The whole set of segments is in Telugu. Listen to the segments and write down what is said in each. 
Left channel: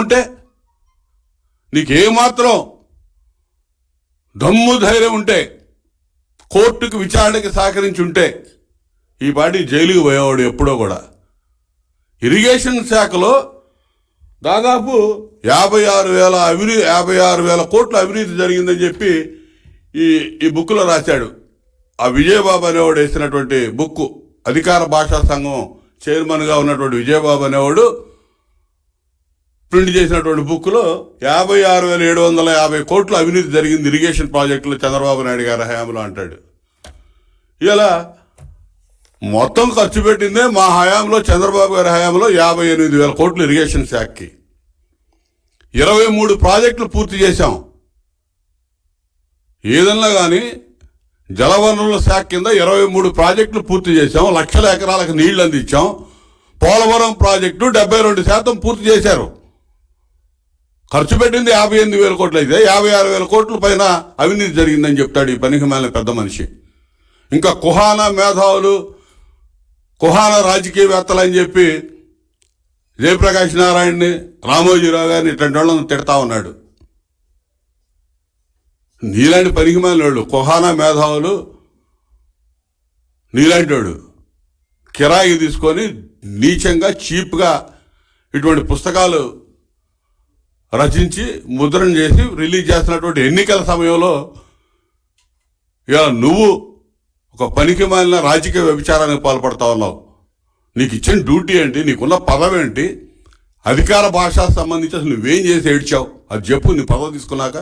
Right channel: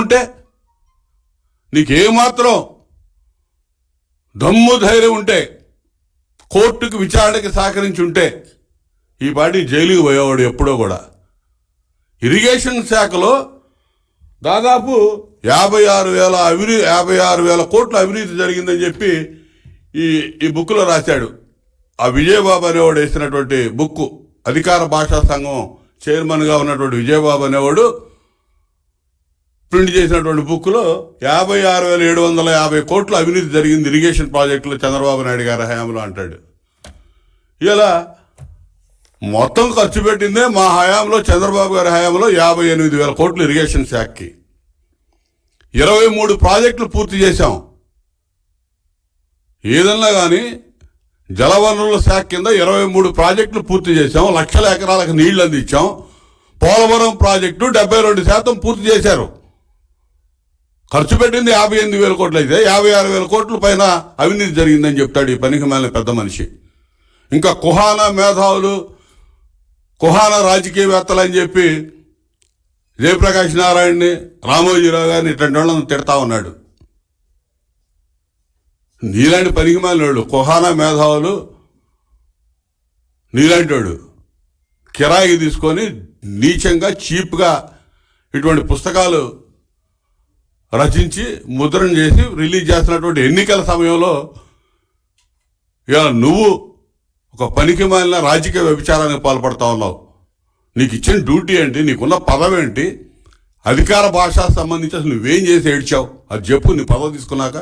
ఉంటే నీకేమాత్రం దమ్ము ధైర్యం ఉంటే కోర్టుకు విచారణకి సహకరించి ఉంటే ఈ పాటి జైలుకి పోయేవాడు ఎప్పుడో కూడా. ఇరిగేషన్ శాఖలో దాదాపు 56,000 కోట్ల అవినీతి జరిగిందని చెప్పి ఈ బుక్లో రాశాడు. ఆ విజయబాబు అనేవాడు వేసినటువంటి బుక్, అధికార భాషా సంఘం చైర్మన్గా ఉన్నటువంటి విజయబాబు అనేవాడు ప్రింట్ చేసినటువంటి బుక్లో 56,750 కోట్ల అవినీతి జరిగింది ఇరిగేషన్ ప్రాజెక్టులో చంద్రబాబు నాయుడు గారి హయాంలో అంటాడు. ఇలా మొత్తం ఖర్చు పెట్టిందే మా హయాంలో, చంద్రబాబు గారి హయాంలో 58,000 కోట్లు ఇరిగేషన్ శాఖకి. 23 ప్రాజెక్టులు పూర్తి చేశాం. ఏదన్నా కానీ జలవనరుల శాఖ కింద 23 ప్రాజెక్టులు పూర్తి చేశాం. లక్షల ఎకరాలకు నీళ్లు అందించాం. పోలవరం ప్రాజెక్టు 72% పూర్తి చేశారు. ఖర్చు పెట్టింది 58,000 కోట్లు అయితే 56,000 కోట్ల పైన అవినీతి జరిగిందని చెప్తాడు ఈ పనికి మాలిన పెద్ద మనిషి. ఇంకా కుహానా మేధావులు, కుహానా రాజకీయవేత్తలు అని చెప్పి జయప్రకాష్ నారాయణని, రామోజీరావు గారిని ఇట్లాంటి వాళ్ళని తిడతా ఉన్నాడు. నీలాంటి పనికి మాలిన వాళ్ళు, కుహానా మేధావులు నీలాంటి వాడు కిరాయికి తీసుకొని నీచంగా చీప్గా ఇటువంటి పుస్తకాలు రచించి ముద్రణ చేసి రిలీజ్ చేస్తున్నటువంటి ఎన్నికల సమయంలో ఇలా నువ్వు ఒక పనికి మాలిన రాజకీయ వ్యభిచారానికి పాల్పడతా ఉన్నావు. నీకు ఇచ్చిన డ్యూటీ ఏంటి? నీకున్న పదవి ఏంటి? అధికార భాష సంబంధించి అసలు నువ్వేం చేసి ఏడ్చావు అది చెప్పు. నీ పదవి తీసుకున్నాక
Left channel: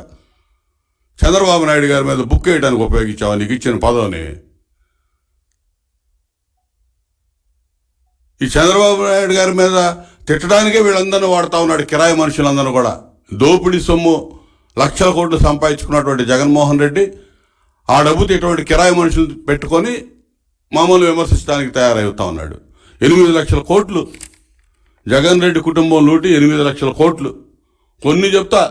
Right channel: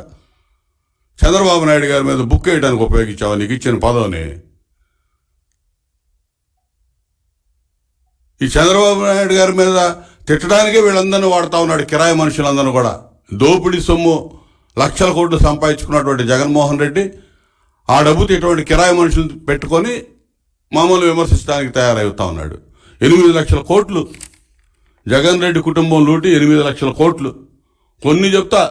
చంద్రబాబు నాయుడు గారి మీద బుక్ వేయడానికి ఉపయోగించావు నీకు ఇచ్చిన పదవిని. ఈ చంద్రబాబు నాయుడు గారి మీద తిట్టడానికే వీళ్ళందరినీ వాడుతూ ఉన్నాడు, కిరాయి మనుషులందరూ కూడా. దోపిడీ సొమ్ము లక్షల కోట్లు సంపాదించుకున్నటువంటి జగన్మోహన్ రెడ్డి ఆ డబ్బుతో ఇటువంటి కిరాయి మనుషులు పెట్టుకొని మామూలు విమర్శించడానికి తయారవుతా ఉన్నాడు. 8 లక్షల కోట్లు జగన్ రెడ్డి కుటుంబం లూటి, 8 లక్షల కోట్లు. కొన్ని చెప్తా,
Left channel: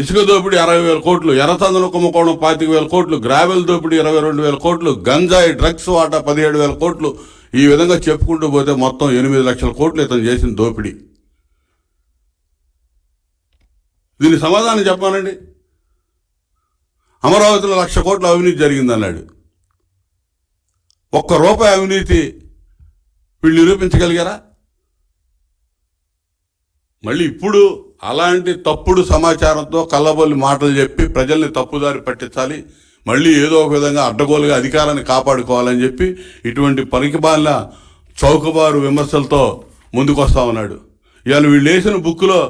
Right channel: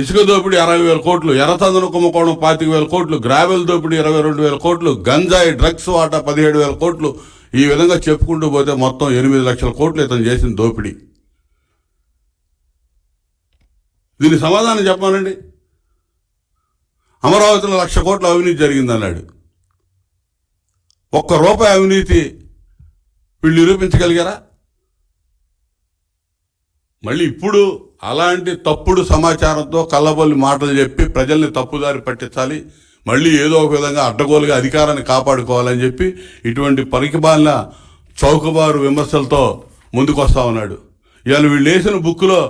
ఇసుక దోపిడీ 60,000 కోట్లు, ఎర్రచందన కుంభకోణం 25,000 కోట్లు, గ్రావెల్ దోపిడీ 22,000 కోట్లు, గంజాయి డ్రగ్స్ వాటా 17,000 కోట్లు. ఈ విధంగా చెప్పుకుంటూ పోతే మొత్తం 8 లక్షల కోట్లు ఇతను చేసిన దోపిడీ. దీనికి సమాధానం చెప్పానండి. అమరావతిలో 1,00,000 కోట్ల అవినీతి జరిగిందన్నాడు. ₹1 అవినీతి వీళ్ళు నిరూపించగలిగారా? మళ్ళీ ఇప్పుడు అలాంటి తప్పుడు సమాచారంతో కల్లబొల్లి మాటలు చెప్పి ప్రజల్ని తప్పుదారి పట్టించాలి, మళ్ళీ ఏదో ఒక విధంగా అడ్డగోలుగా అధికారాన్ని కాపాడుకోవాలని చెప్పి ఇటువంటి పనికిమాలిన చౌకబారు విమర్శలతో ముందుకు వస్తా ఉన్నాడు. ఇవాళ వీళ్ళు వేసిన బుక్లో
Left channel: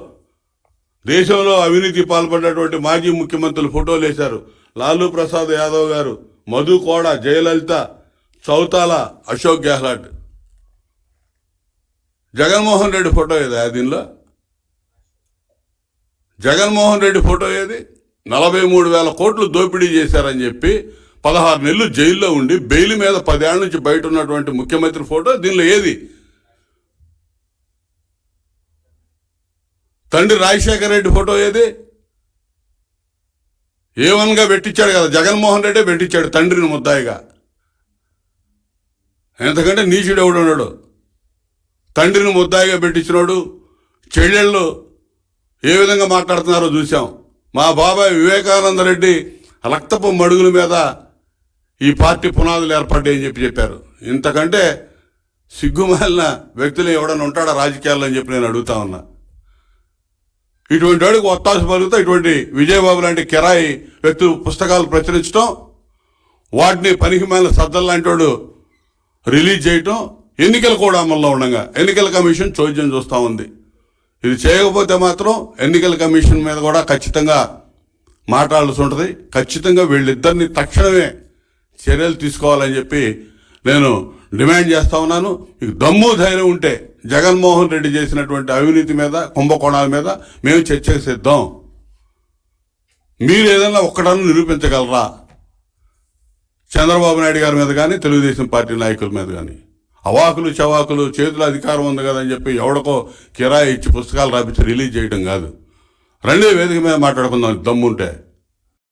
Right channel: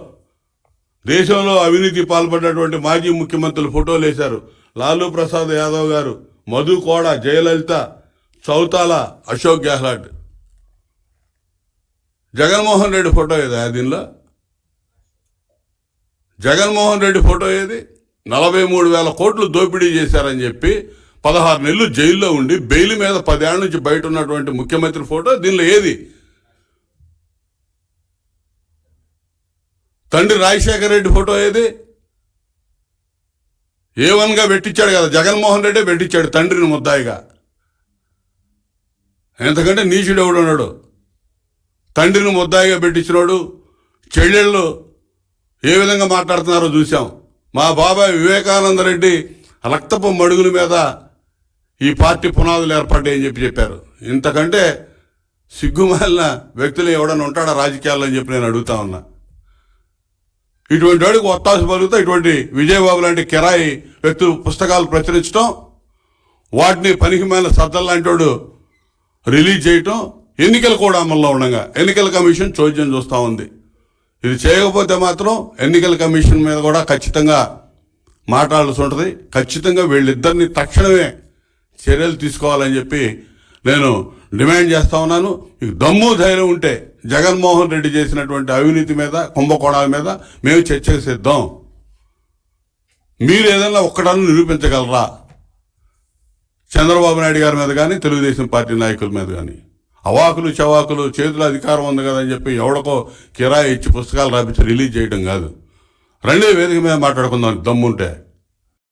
దేశంలో అవినీతి పాల్పడినటువంటి మాజీ ముఖ్యమంత్రులు ఫోటోలు వేశారు. లాలూ ప్రసాద్ యాదవ్ గారు, మధు కోడ, జయలలిత, చౌతాల, అశోక్ గెహ్లాట్. జగన్మోహన్ రెడ్డి ఫోటో ఏదా దీనిలో? జగన్మోహన్ రెడ్డి ఫోటో ఏది? 43,000 కోట్లు దోపిడీ చేశారని చెప్పి 16 నెలలు జైల్లో ఉండి బెయిల్ మీద 10 ఏళ్ల నుంచి బయట ఉన్నటువంటి ముఖ్యమంత్రి ఫోటో దీనిలో ఏది? తండ్రి రాజశేఖర రెడ్డి ఫోటో ఏది? A1గా పెట్టించాడు కదా, జగన్మోహన్ రెడ్డి పెట్టించాడు తండ్రిని ముద్దాయిగా. ఎంతకంటే నీచుడు ఎవడున్నాడు? తండ్రిని ముద్దాయిగా పెట్టించినాడు. చెల్లెళ్ళు ఏ విధంగా మాట్లాడుతున్నారో చూసాం. మా బాబాయ్ వివేకానంద రెడ్డి రక్తపు మడుగుల మీద ఈ పార్టీ పునాదులు ఏర్పడ్డాయని చెప్పారు. ఇంతకంటే సిగ్గుమాలిన వ్యక్తులు ఎవడన్నా ఉంటాడా రాజకీయాల్లో అని చెప్పి నేను అడుగుతా ఉన్నా. ఇటువంటి వాడికి ఒత్తాసు పలుకుతా ఇటువంటి విజయబాబు లాంటి కిరాయి వ్యక్తులు పుస్తకాలు ప్రచురించడం, వాటిని పనికిమాలిన సద్దలు లాంటి వాడు రిలీజ్ చేయటం, ఎన్నికలు కూడా అమల్లో ఉండగా ఎన్నికల కమిషన్ చోద్యం చూస్తూ ఉంది. ఇది చేయకపోతే మాత్రం ఎన్నికల కమిషన్ మీద కూడా ఖచ్చితంగా మాట్లాడాల్సి ఉంటుంది. ఖచ్చితంగా వీళ్ళిద్దరిని తక్షణమే చర్యలు తీసుకోవాలని చెప్పి నేను డిమాండ్ చేస్తా ఉన్నాను. మీకు దమ్ము ధైర్యం ఉంటే జగన్మోహన్ రెడ్డి చేసినటువంటి అవినీతి మీద, కుంభకోణాల మీద మేము చర్చకు సిద్ధం. మీరు ఏదైనా ఒక్కడన్నా నిరూపించగలరా? చంద్రబాబు నాయుడు గారి మీద కానీ, తెలుగుదేశం పార్టీ నాయకుల మీద కానీ. అవాకులు చవాకులు చేతుల అధికారం ఉంది కదని చెప్పి ఎవడికో కిరాయి ఇచ్చి పుస్తకాలు రాపించి రిలీజ్ చేయడం కాదు. రెండే వేదిక మీద మాట్లాడుకుందాం దమ్ముంటే.